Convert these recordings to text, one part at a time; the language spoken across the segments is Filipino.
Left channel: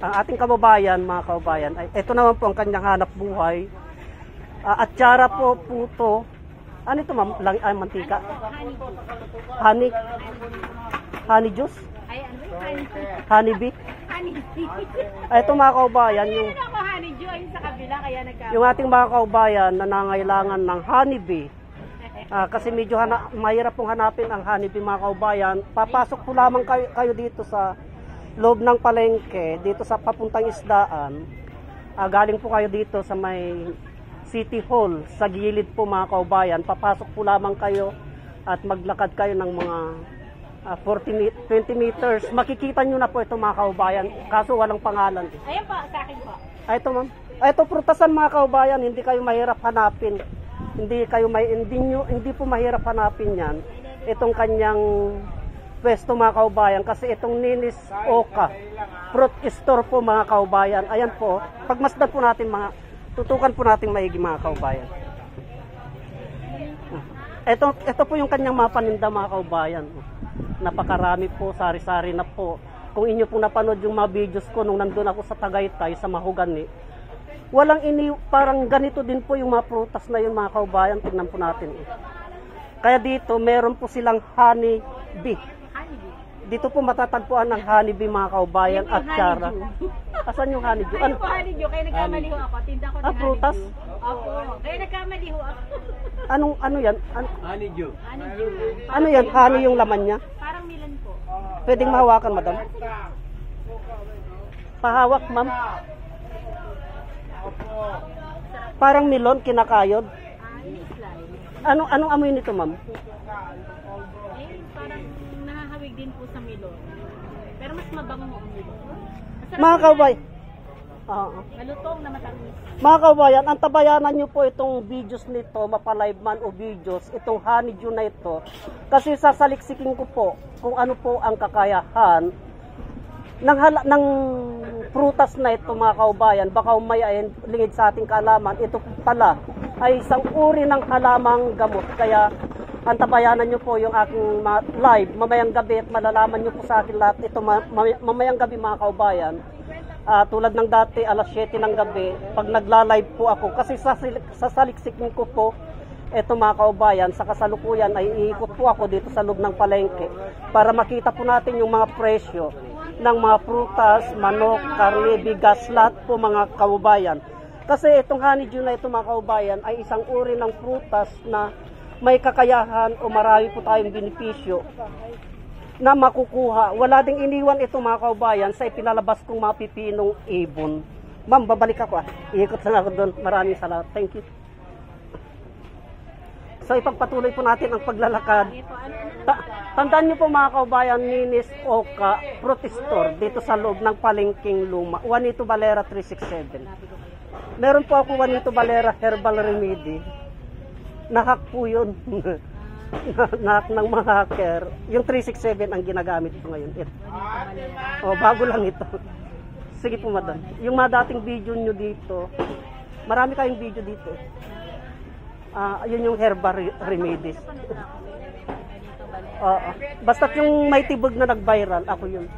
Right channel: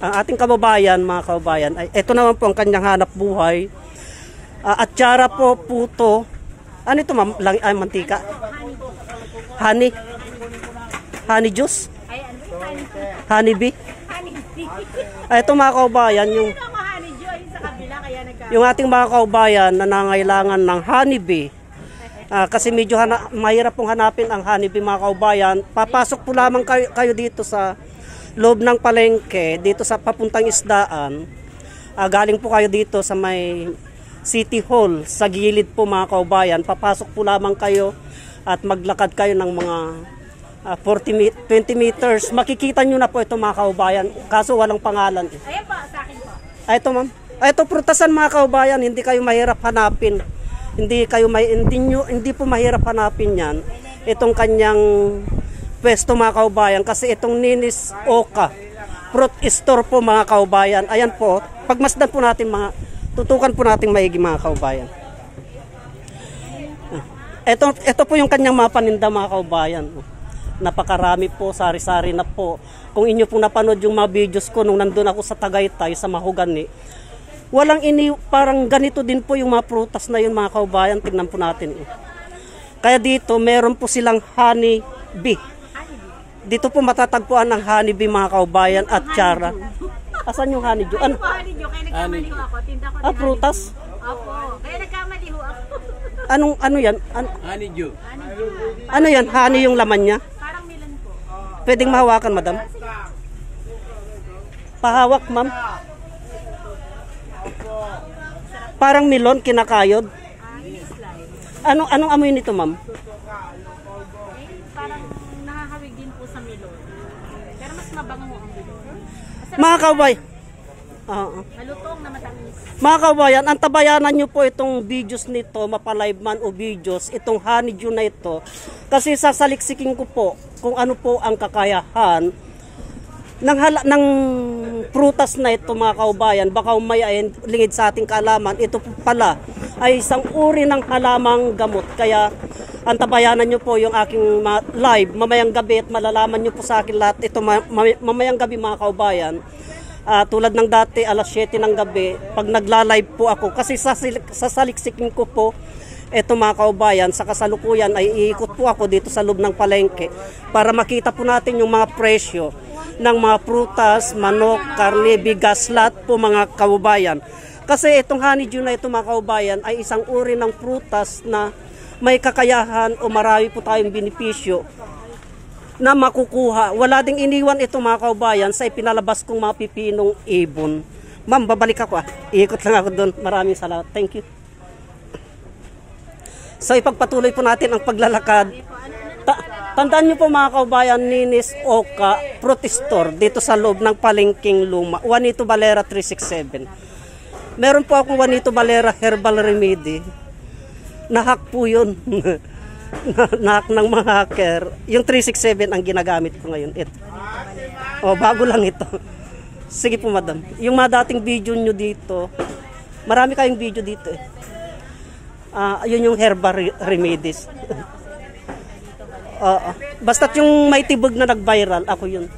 Ang ating kababayan, mga kababayan, ay ito naman po ang kanyang hanap buhay. Atsara po, puto. Ano ito ma'am? Ay, mantika? Honey. Honey juice? Ay, ano ba yung honey? Honey bee? Honey bee. Ay, ito mga kababayan, Hindi na ako honey dew, ayun sa kabila, kaya yung ating mga kababayan na nangailangan ng honey bee. Kasi medyo mahirap pong hanapin ang honey bee, mga kababayan. Papasok po lamang kayo dito sa loob ng palengke, dito sa papuntang isdaan. Galing po kayo dito sa may City Hall, sa gilid po mga kababayan. Papasok po lamang kayo at maglakad kayo ng mga 20 meters. Makikita nyo na po ito mga kababayan, kaso walang pangalan. Ayan po, sa akin po. Ay, ito ma'am. Ay, ito prutasan mga kababayan, hindi kayo mahirap hanapin. Hindi po mahirap hanapin yan. Itong kanyang pwesto mga kababayan, kasi itong Ninis Oka fruit store po mga kababayan. Ayan po, pagmasdan po natin tutukan po natin maigi mga kababayan. Ito po yung kanyang mga paninda mga kababayan. Napakarami po, sari-sari na po. Kung inyo pong napanood yung mga videos ko nung nandun ako sa Tagaytay, sa Mahogany, parang ganito din po yung mga prutas na yun mga kababayan. Tingnan po natin. Kaya dito, meron po silang honey bee. Dito po matatagpuan ng honey bee mga kababayan at atsara. Asan yung honey dew? Ano po honey dew? Kaya nagkamali ho ako. Tinda ko ng prutas? Opo. Kaya nagkamali ho ako. Ano yan? Honey dew. Honey dew. Ano yan? Honey yung laman niya? Parang melon po. Pwedeng mahawakan, madam? Pahawak, ma'am. Parang melon, kinakayod. Ini-slide. Anong amoy nito, ma'am? Parang nahahawig din po sa melon. Pero mas mabango ang melon. Mga kabay. Malutong na matamis. Mga kabayan, ang tabayanan nyo po itong videos nito, mapalive man o videos, itong honeydew na ito. Kasi sasaliksikin ko po kung ano po ang kakayahan ng prutas na ito mga kabayan. Baka umayain lingid sa ating kaalaman, ito pala ay isang uri ng halamang gamot. Kaya ang tabayanan nyo po yung aking live mamayang gabi at malalaman nyo po sa akin lahat ito mamayang gabi mga kabayan. Tulad ng dati alas 7 ng gabi pag nagla-live po ako, kasi sasaliksikin ko po eto mga kaubayan. Sa kasalukuyan ay iikot po ako dito sa loob ng palengke para makita po natin yung mga presyo ng mga prutas, manok, karne, bigas, lahat po mga kaubayan. Kasi itong honeydew na ito mga kaubayan ay isang uri ng prutas na may kakayahan o marami po tayong benepisyo na makukuha. Wala ding iniwan ito mga kaubayan sa ipinalabas kong mga pipinong ibon. Ma'am, babalik ako Iikot lang ako doon. Maraming salamat. Thank you. So ipagpatuloy po natin ang paglalakad. Tandaan nyo po mga kaubayan, Ninis Oka Fruit Store dito sa loob ng Palengking Luma. Juanito Valera 367. Meron po akong Juanito Valera Herbal Remedy. Nahack po yun. Nahack ng mga hacker. Yung 367 ang ginagamit ko ngayon. Ito. Bago lang ito. Sige po madam. Yung mga dating video nyo dito, marami kayong video dito yun yung herbal remedies. Basta't yung may tibog na nag-viral, ako yun.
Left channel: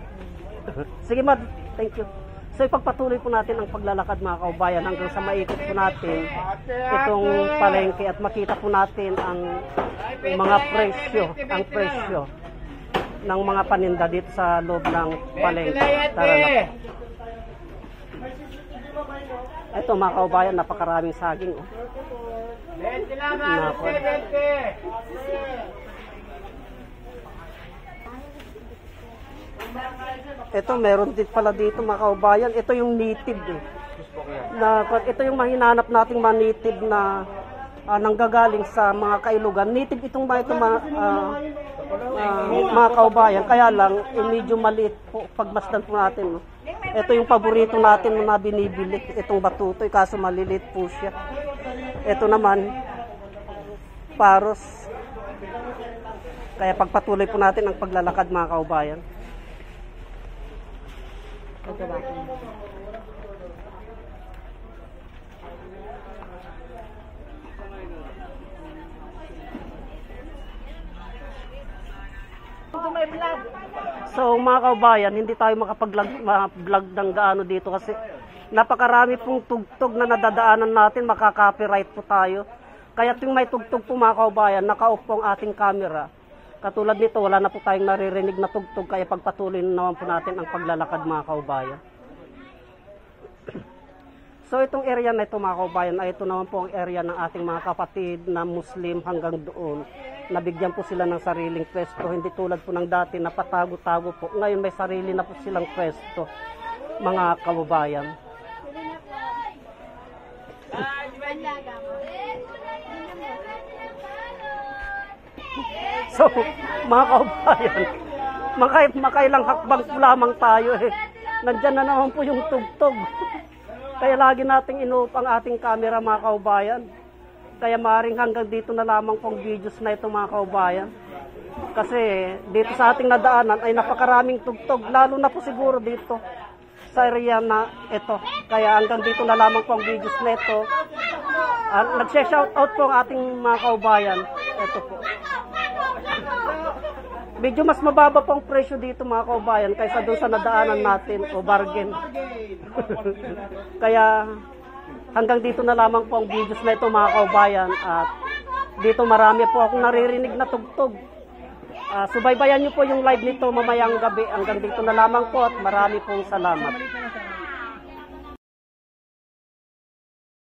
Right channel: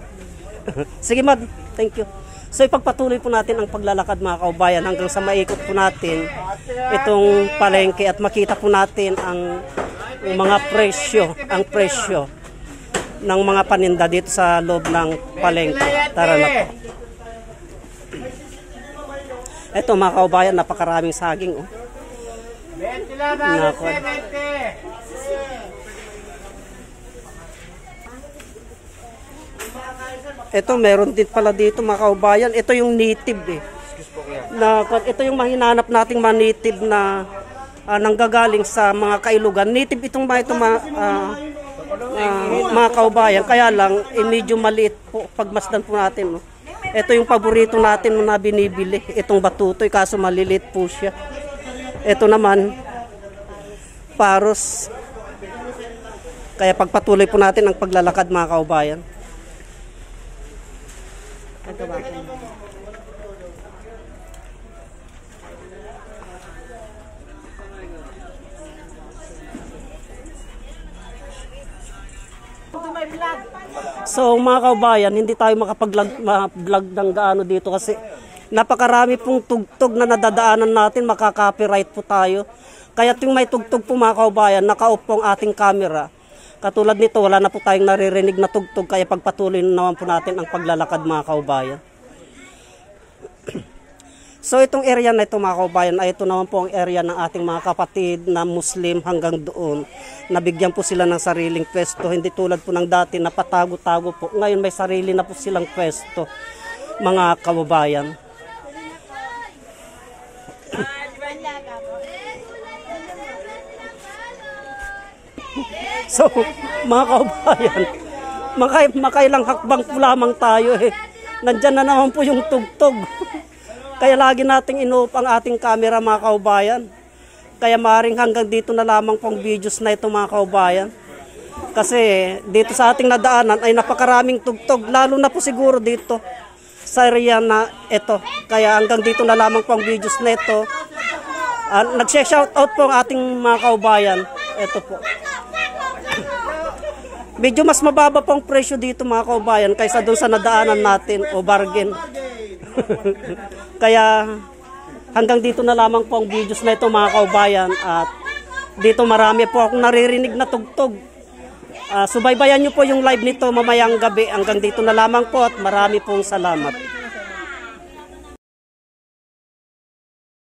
Sige ma'am, thank you. So ipagpatuloy po natin ang paglalakad mga kaubayan hanggang sa maikot po natin itong palengke at makita po natin ang mga presyo ng mga paninda dito sa loob ng palengke. Tara na po. Ito mga kaubayan, napakaraming saging. Ito meron din pala dito mga kaubayan. Ito yung native ito yung mahinanap nating mga native na nanggagaling sa mga kailugan. Native itong mga kaubayan. Kaya lang medyo maliit po pagmasdan po natin. Ito yung paborito natin na binibili. Itong batutoy kaso maliliit po siya. Ito naman paros. Kaya pagpatuloy po natin ang paglalakad mga kaubayan. So mga kaubayan, hindi tayo makapag-vlog ng gaano dito kasi napakarami pong tugtog na nadadaanan natin, makaka-copyright po tayo. Kaya yung may tugtog po mga kaubayan, naka-off po ang ating camera. Katulad nito, wala na po tayong naririnig na tugtog, kaya pagpatuloy na naman po natin ang paglalakad mga kaubayan. So itong area na ito mga kaubayan, ay ito naman po ang area ng ating mga kapatid na Muslim hanggang doon. Nabigyan po sila ng sariling pwesto, hindi tulad po ng dati na patago-tago po. Ngayon may sarili na po silang pwesto mga kaubayan. So, mga kaubayan, makailang hakbang po lamang tayo eh. Nandyan na naman po yung tugtog. Kaya lagi nating ino-off ang ating camera mga kaubayan. Kaya maaaring hanggang dito na lamang pong videos na ito mga kaubayan. Kasi dito sa ating nadaanan ay napakaraming tugtog. Lalo na po siguro dito sa area na ito. Kaya hanggang dito na lamang pong videos na ito. Nag-shoutout po ang ating mga kaubayan. Ito po. Medyo mas mababa pong presyo dito mga kaubayan kaysa doon sa nadaanan natin o bargain. Kaya hanggang dito na lamang po ang videos na ito mga kaubayan. At dito marami po akong naririnig na tugtog. Subaybayan nyo po yung live nito mamayang gabi. Hanggang dito na lamang po at marami pong salamat.